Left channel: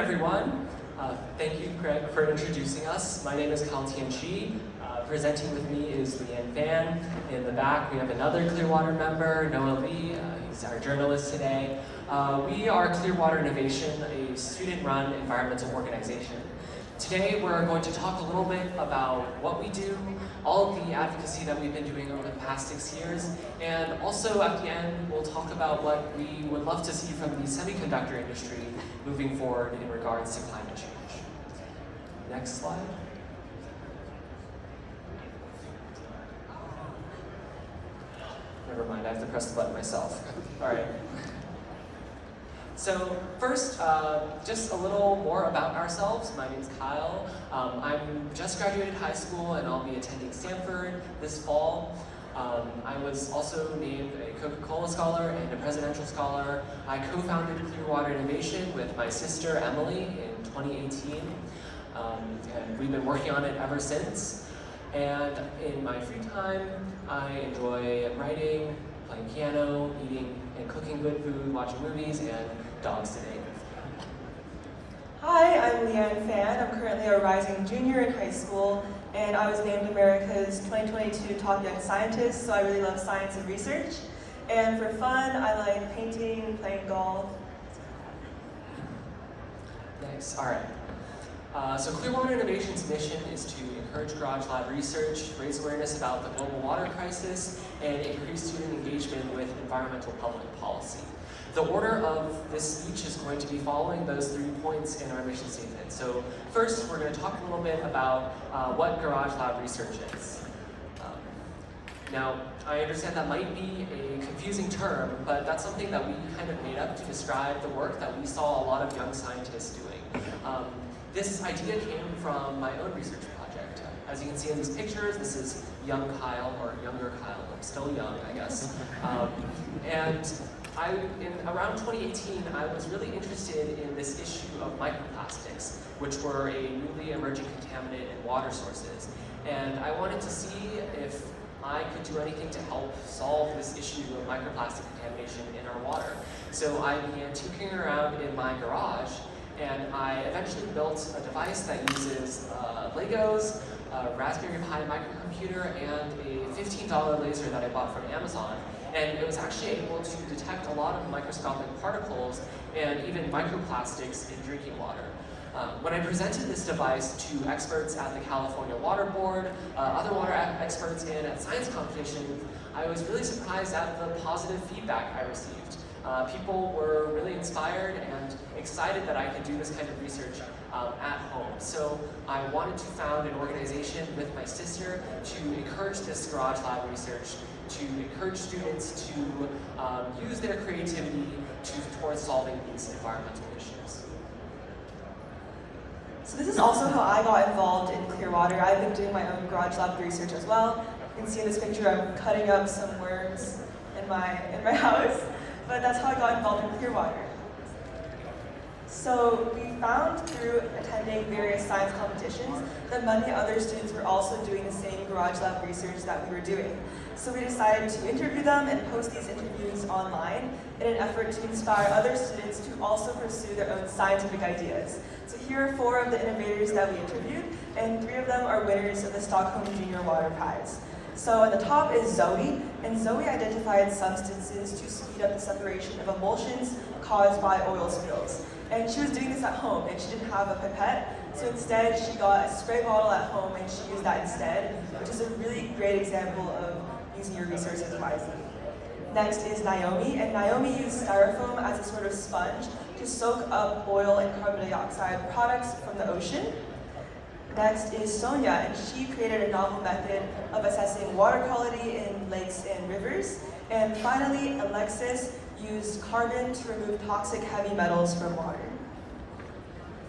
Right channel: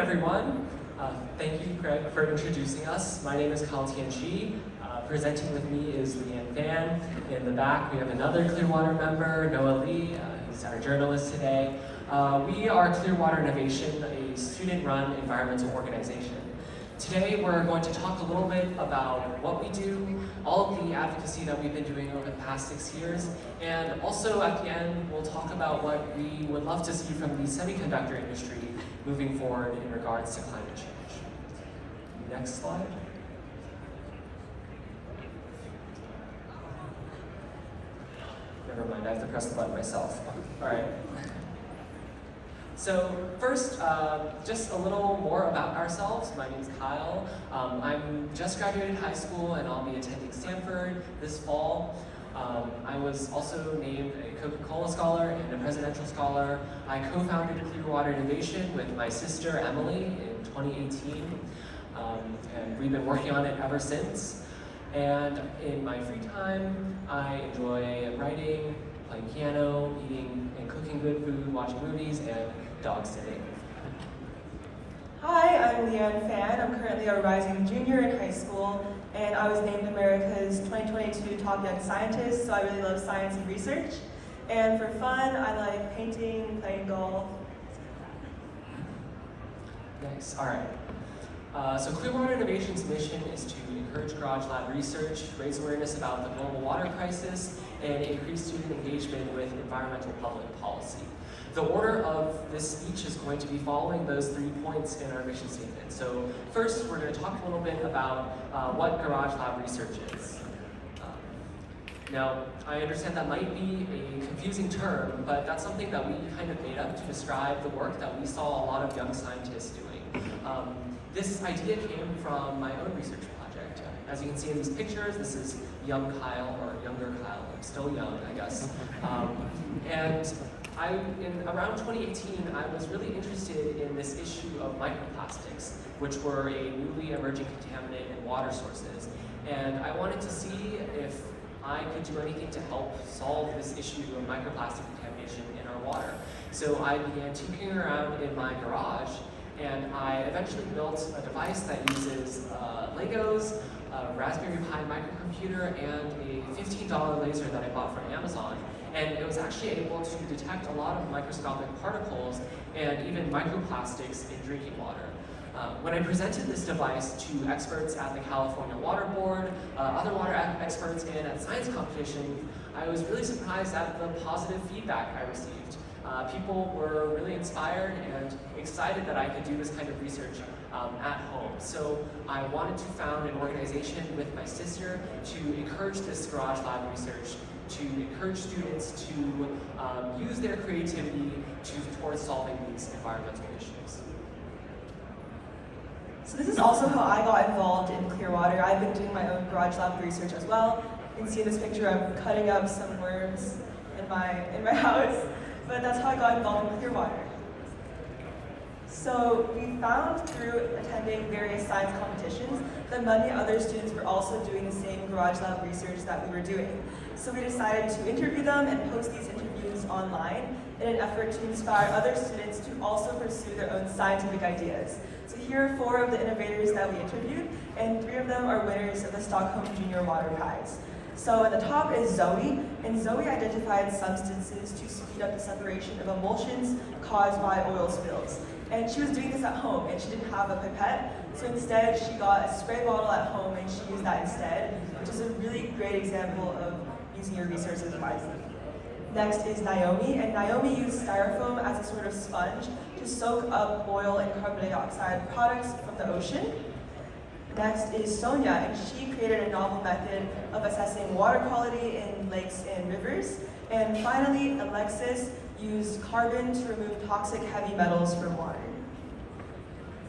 everyone. Thank you, Craig, for introducing us. My name is Tianshi. Presenting with me is Leanne. In the back, we have another Clearwater member, Noah Lee. He's our journalist today. We are Clearwater Innovation, a student-run environmental organization. Today, we're going to talk a little bit about what we do, all of the advocacy that we've been doing over the past 6 years, and also at the end, we'll talk about what we would love to see from the semiconductor industry moving forward in regards to climate change. Next slide. Never mind, I have to press the button myself. All right. So first, just a little more about ourselves. My name is Kyle. I'm just graduated high school and I'll be attending Stanford this fall. I was also named a Coca-Cola Scholar and a Presidential Scholar. I co-founded Clearwater Innovation with my sister Emily in 2018. And we've been working on it ever since. And in my free time, I enjoy writing, playing piano, eating and cooking good food, watching movies, and dog sitting. Hi, I'm Leanne Fan. I'm currently a rising junior in high school, and I was named America's 2022 Top Young Scientist, so I really love science and research. And for fun, I like painting, playing golf. Thanks. All right. So Clearwater Innovation's mission is to encourage garage lab research, raise awareness about the global water crisis, and increase student engagement with environmental public policy. The order of this speech is going to be following those 3 points in our mission statement. So first, we're going to talk a little bit about what garage lab research is. Now, I understand that might be a confusing term, but that's something that we kind of made up to describe the work that we saw a lot of young scientists doing. This idea came from my own research project. As you can see in these pictures, this is young Kyle, or younger Kyle. I'm still young, I guess. In around 2018, I was really interested in this issue of microplastics, which were a newly emerging contaminant in water sources. And I wanted to see if I could do anything to help solve this issue of microplastic contamination in our water. So I began tinkering around in my garage, and I eventually built a device that uses Legos, a Raspberry Pi microcomputer, and a $15 laser that I bought from Amazon. And it was actually able to detect a lot of microscopic particles and even microplastics in drinking water. When I presented this device to experts at the California Water Board, other water experts, and at science competition, I was really surprised at the positive feedback I received. People were really inspired and excited that I could do this kind of research at home. So I wanted to found an organization with my sister to encourage this garage lab research, to encourage students to use their creativity towards solving these environmental issues. So this is also how I got involved in Clearwater. I've been doing my own garage lab research as well. You can see in this picture I'm cutting up some worms in my house, but that's how I got involved in Clearwater. So we found through attending various science competitions that many other students were also doing the same garage lab research that we were doing. So we decided to interview them and post these interviews online in an effort to inspire other students to also pursue their own scientific ideas. So here are 4 of the innovators that we interviewed, and 3 of them are winners of the Stockholm Junior Water Prize. So at the top is Zoe, and Zoe identified substances to speed up the separation of emulsions caused by oil spills. And she was doing this at home, and she didn't have a pipette, so instead she got a spray bottle at home and she used that instead, which is a really great example of using your resources wisely. Next is Naomi, and Naomi used styrofoam as a sort of sponge to soak up oil and carbon dioxide products from the ocean. Next is Sonia, and she created a novel method of assessing water quality in lakes and rivers. And finally, Alexis used carbon to remove toxic heavy metals from water.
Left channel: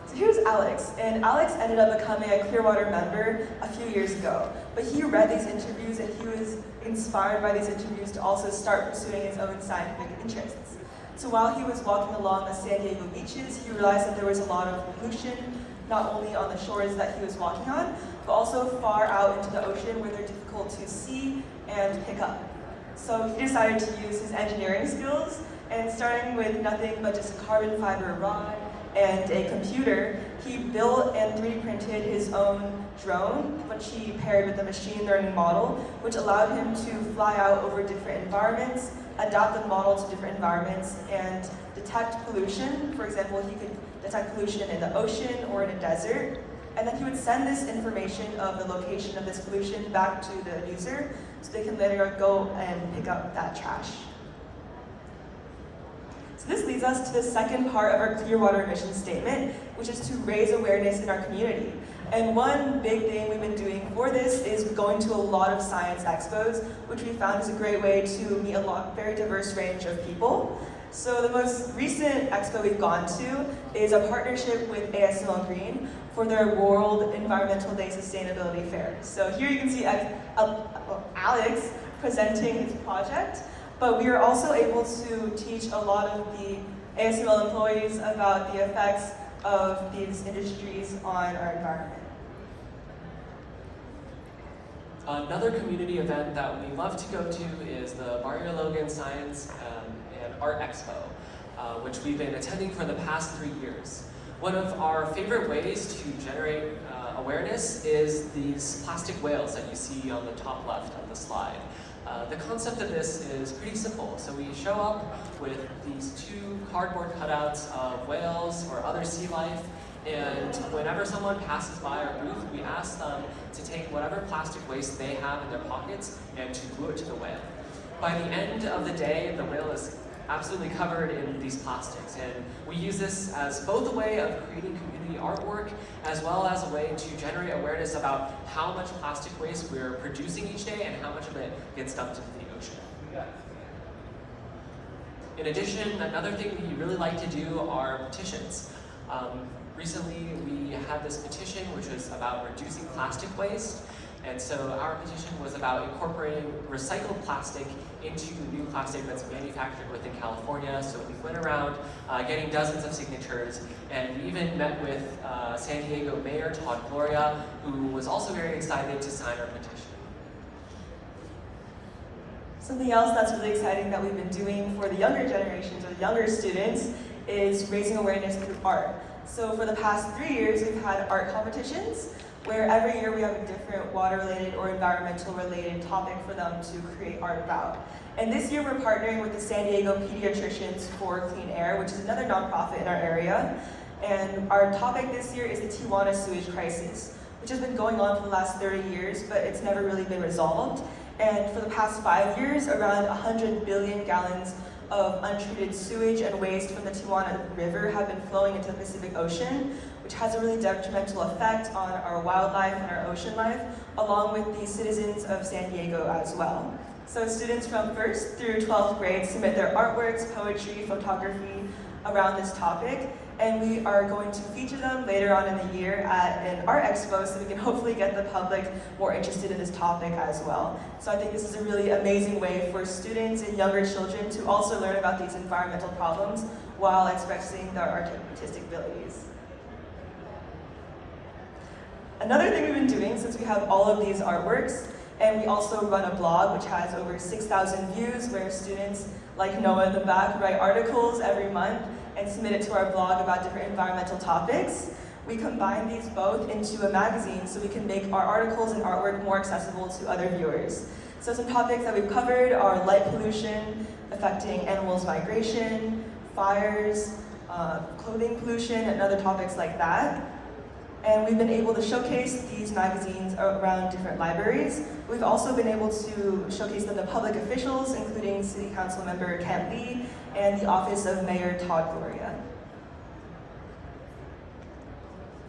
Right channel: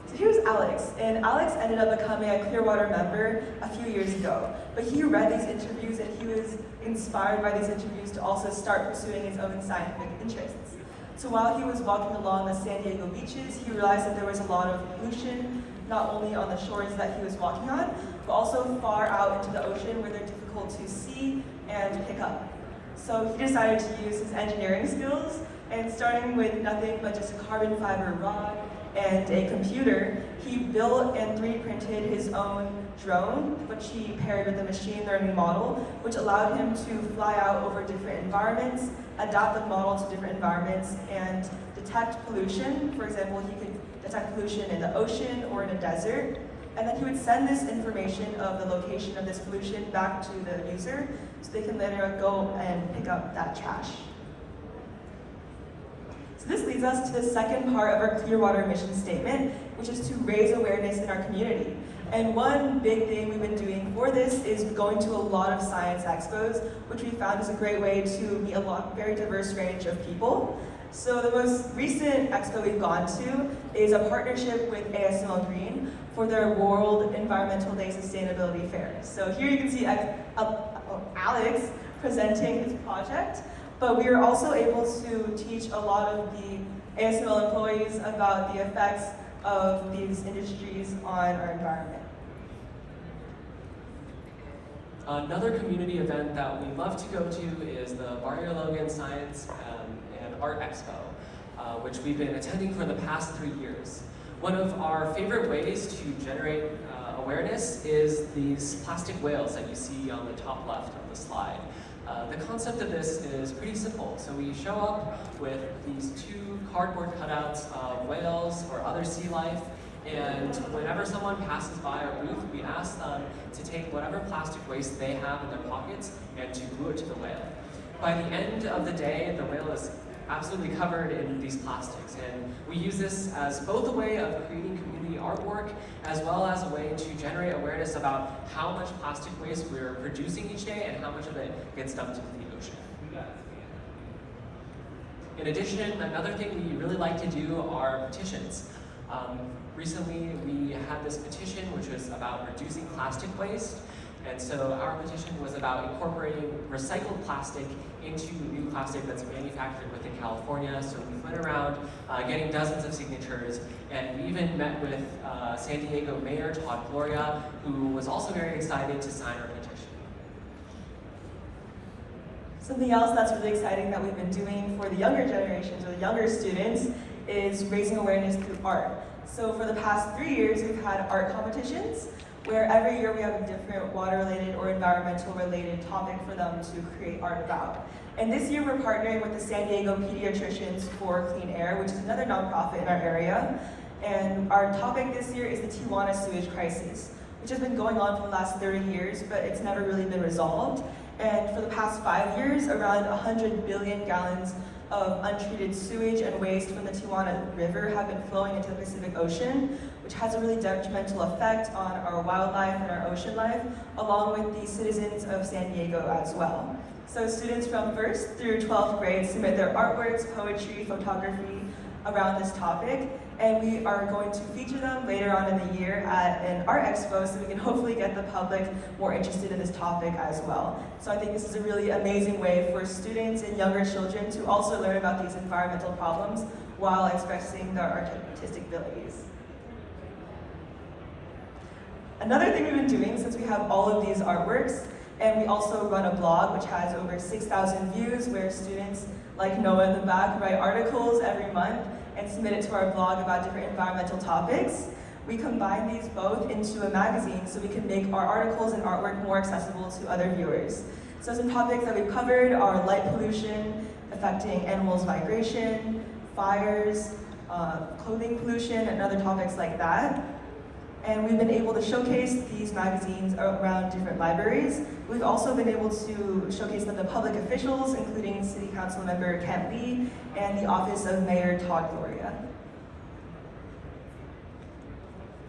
So here's Alex, and Alex ended up becoming a Clearwater member a few years ago. But he read these interviews and he was inspired by these interviews to also start pursuing his own scientific interests. So while he was walking along the San Diego beaches, he realized that there was a lot of pollution, not only on the shores that he was walking on, but also far out into the ocean where they're difficult to see and pick up. So he decided to use his engineering skills, and starting with nothing but just a carbon fiber rod, and a computer, he built and 3D printed his own drone, which he paired with a machine learning model, which allowed him to fly out over different environments, adapt the model to different environments, and detect pollution. For example, he could detect pollution in the ocean or in a desert, and then he would send this information of the location of this pollution back to the user, so they can later go and pick up that trash. So this leads us to the second part of our Clearwater mission statement, which is to raise awareness in our community. And one big thing we've been doing for this is going to a lot of science expos, which we found is a great way to meet a very diverse range of people. So the most recent expo we've gone to is a partnership with ASML Green for their World Environmental Day Sustainability Fair. So here you can see Alex presenting his project, but we were also able to teach a lot of the ASML employees about the effects of these industries on our environment. Another community event that we love to go to is the Barrio Logan Science and Art Expo, which we've been attending for the past 3 years. One of our favorite ways to generate awareness is these plastic whales that you see on the top left of the slide. The concept of this is pretty simple. So we show up with these 2 cardboard cutouts of whales or other sea life, and whenever someone passes by our booth, we ask them to take whatever plastic waste they have in their pockets and to glue it to the whale. By the end of the day, the whale is absolutely covered in these plastics, and we use this as both a way of creating community artwork as well as a way to generate awareness about how much plastic waste we're producing each day and how much of it gets dumped into the ocean. In addition, another thing we really like to do are petitions. Recently, we had this petition which was about reducing plastic waste, and so our petition was about incorporating recycled plastic into new plastic that's manufactured within California. So we went around getting dozens of signatures, and we even met with San Diego Mayor Todd Gloria, who was also very excited to sign our petition. Something else that's really exciting that we've been doing for the younger generations or younger students is raising awareness through art. So for the past 3 years, we've had art competitions where every year we have a different water-related or environmental-related topic for them to create art about. And this year we're partnering with the San Diego Pediatricians for Clean Air, which is another nonprofit in our area. And our topic this year is the Tijuana sewage crisis, which has been going on for the last 30 years, but it's never really been resolved. And for the past 5 years, around 100 billion gallons of untreated sewage and waste from the Tijuana River have been flowing into the Pacific Ocean, which has a really detrimental effect on our wildlife and our ocean life, along with the citizens of San Diego as well. So students from 1st through 12th grade submit their artworks, poetry, photography around this topic, and we are going to feature them later on in the year at an art expo so we can hopefully get the public more interested in this topic as well. So I think this is a really amazing way for students and younger children to also learn about these environmental problems while expressing their artistic abilities. Another thing we've been doing, since we have all of these artworks, and we also run a blog which has over 6,000 views where students like Noah in the back write articles every month and submit it to our blog about different environmental topics. We combine these both into a magazine so we can make our articles and artwork more accessible to other viewers. So some topics that we've covered are light pollution affecting animals' migration, fires, clothing pollution, and other topics like that. And we've been able to showcase these magazines around different libraries. We've also been able to showcase them to public officials, including City Council member Kent Lee and the Office of Mayor Todd Gloria.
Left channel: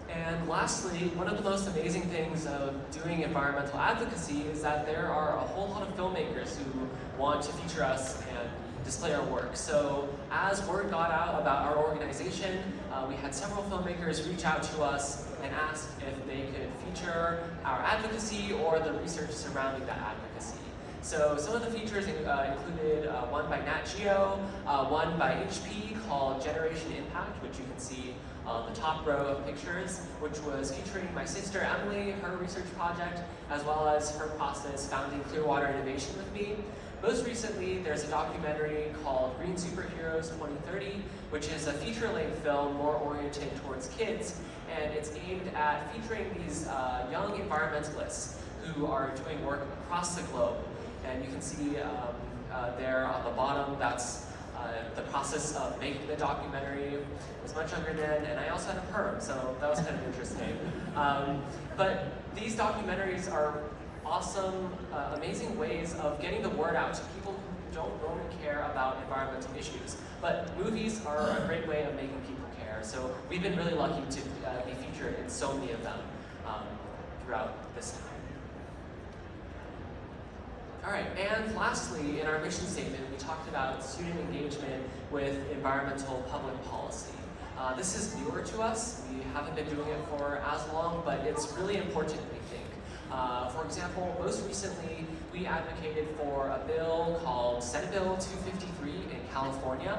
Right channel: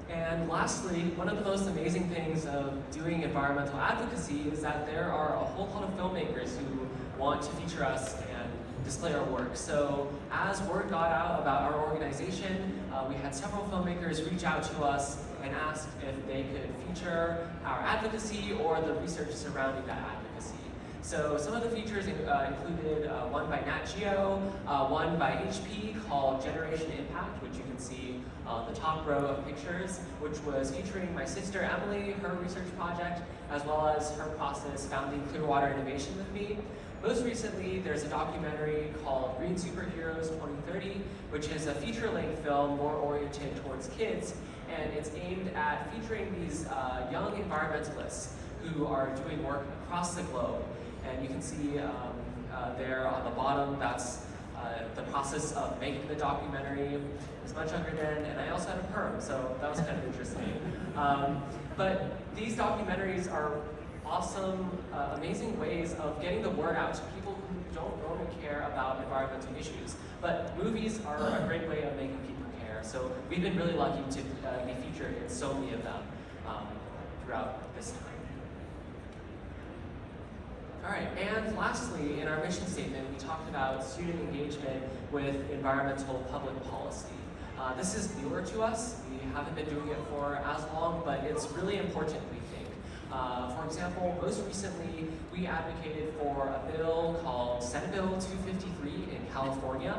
And lastly, one of the most amazing things of doing environmental advocacy is that there are a whole lot of filmmakers who want to feature us and display our work. So as word got out about our organization, we had several filmmakers reach out to us and ask if they could feature our advocacy or the research surrounding that advocacy. So some of the features included one by Nat Geo, one by HP called Generation Impact, which you can see on the top row of pictures, which was featuring my sister Emily, her research project, as well as her process founding Clearwater Innovation with me. most recently, there's a documentary called Green Superheroes 2030, which is a feature-length film more oriented towards kids, and it's aimed at featuring these young environmentalists who are doing work across the globe. And you can see there on the bottom, that's the process of making the documentary. I was much younger then, and I also had a perm, so that was kind of interesting. But these documentaries are awesome, amazing ways of getting the word out to people who don't normally care about environmental issues. But movies are a great way of making people care. So we've been really lucky to be featured in so many of them throughout this time. All right, and lastly, in our mission statement, we talked about student engagement with environmental public policy. This is newer to us. We haven't been doing it for as long, but it's really important, we think. For example, most recently, we advocated for a bill called Senate Bill 253 in California.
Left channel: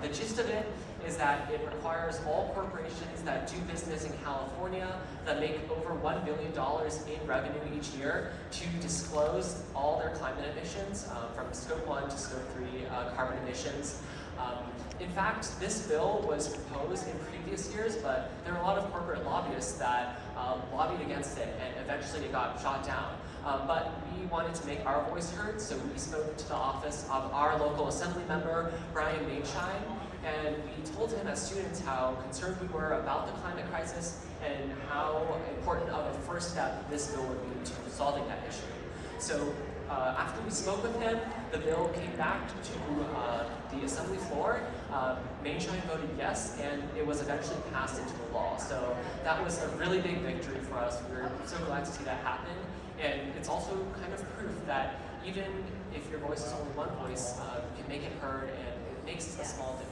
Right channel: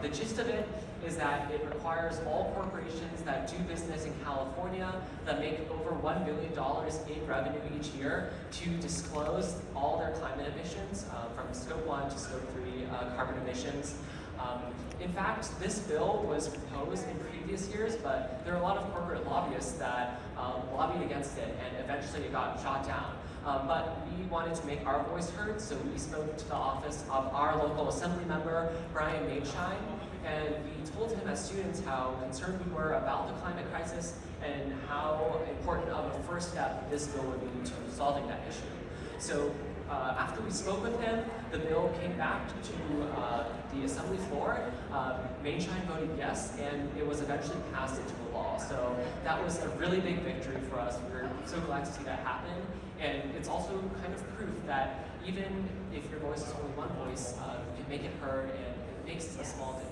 The gist of it is that it requires all corporations that do business in California that make over $1 billion in revenue each year to disclose all their climate emissions from Scope 1 to Scope 3 carbon emissions. In fact, this bill was proposed in previous years, but there were a lot of corporate lobbyists that lobbied against it, and eventually it got shot down. But we wanted to make our voice heard, so we spoke to the office of our local assembly member, Brian Mainshine, and we told him as students how concerned we were about the climate crisis and how important of a first step this bill would be to solving that issue. So after we spoke with him, the bill came back to the assembly floor. Mainshine voted yes, and it was eventually passed into law. So that was a really big victory for us. We were so glad to see that happen. And it's also kind of proof that even if your voice is only one voice, you can make it heard, and it makes a small difference.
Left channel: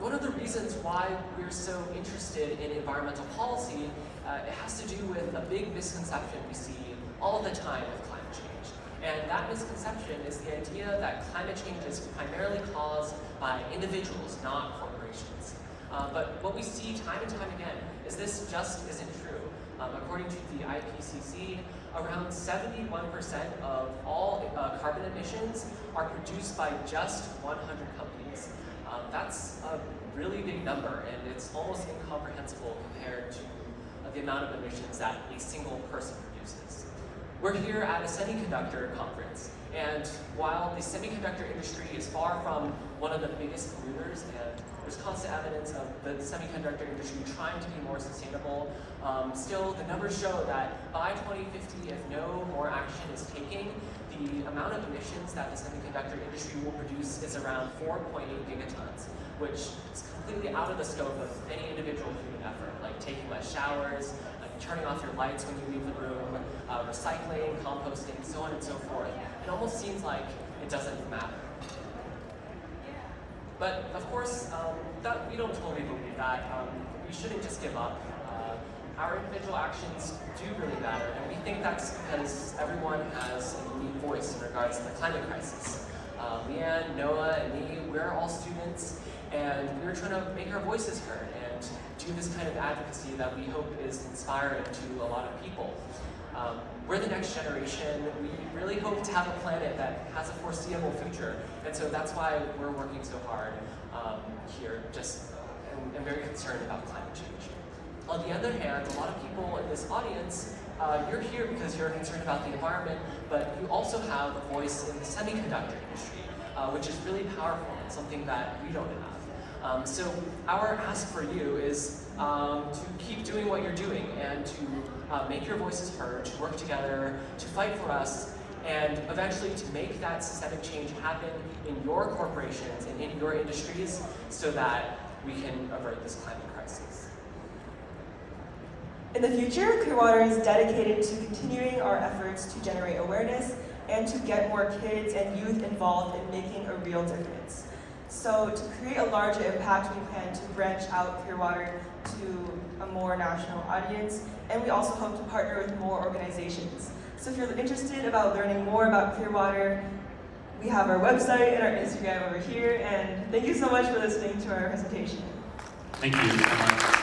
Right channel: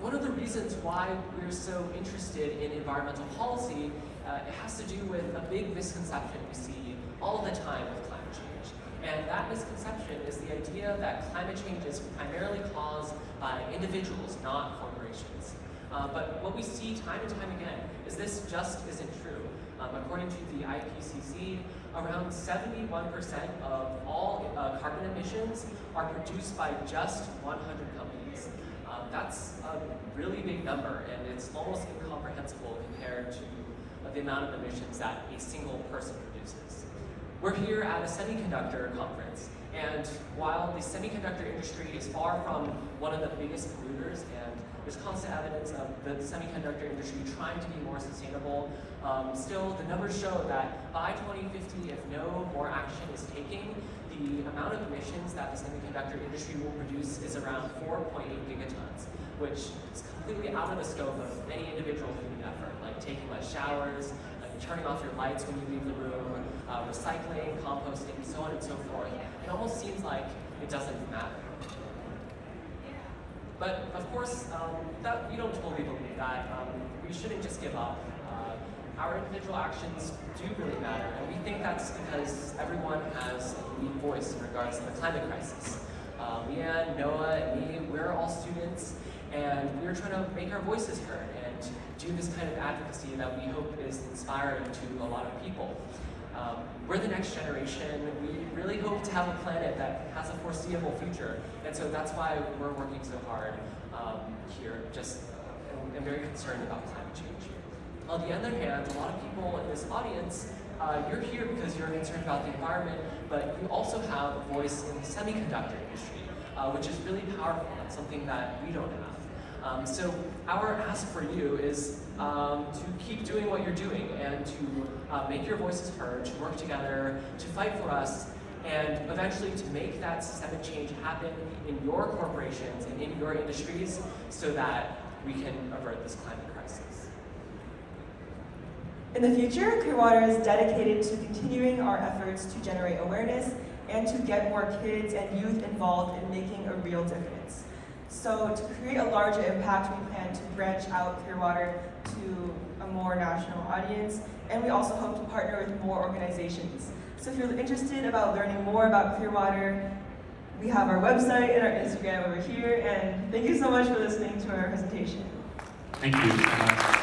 One of the reasons why we're so interested in environmental policy, it has to do with a big misconception we see all the time with climate change. And that misconception is the idea that climate change is primarily caused by individuals, not corporations. But what we see time and time again is this just isn't true. According to the IPCC, around 71% of all carbon emissions are produced by just 100 companies. That's a really big number, and it's almost incomprehensible compared to the amount of emissions that a single person produces. We're here at a semiconductor conference, and while the semiconductor industry is far from one of the biggest polluters, and there's constant evidence of the semiconductor industry trying to be more sustainable, still the numbers show that by 2050, if no more action is taken, the amount of emissions that the semiconductor industry will produce is around 4.8 gigatons, which is completely out of the scope of any individual human effort, like taking less showers, like turning off your lights when you leave the room, recycling, composting, so on and so forth. It almost seems like it doesn't matter. But of course, that we don't totally believe that. We shouldn't just give up. Our individual actions do really matter, and we think that's because everyone has a unique voice in regards to the climate crisis. Leanne, Noah, and me, we're all students, and we're trying to make our voices heard and do this kind of advocacy that we hope is inspiring to a lot of people. We're the next generation. We really hope to have a planet that has a foreseeable future, and so that's why we're working so hard here, and very concerned about climate change. On the other hand, a lot of people in this audience, you're here because you're concerned about the environment, but you also have a voice in the semiconductor industry, which is really powerful and something that we don't have. So our ask for you is to keep doing what you're doing and to make your voices heard, to work together, to fight for us, and eventually to make that systemic change happen in your corporations and in your industries so that we can avert this climate crisis. In the future, Clearwater is dedicated to continuing our efforts to generate awareness and to get more kids and youth involved in making a real difference. So to create a larger impact, we plan to branch out Clearwater to a more national audience, and we also hope to partner with more organizations. So if you're interested about learning more about Clearwater, we have our website and our Instagram over here, and thank you so much for listening to our presentation. Thank you.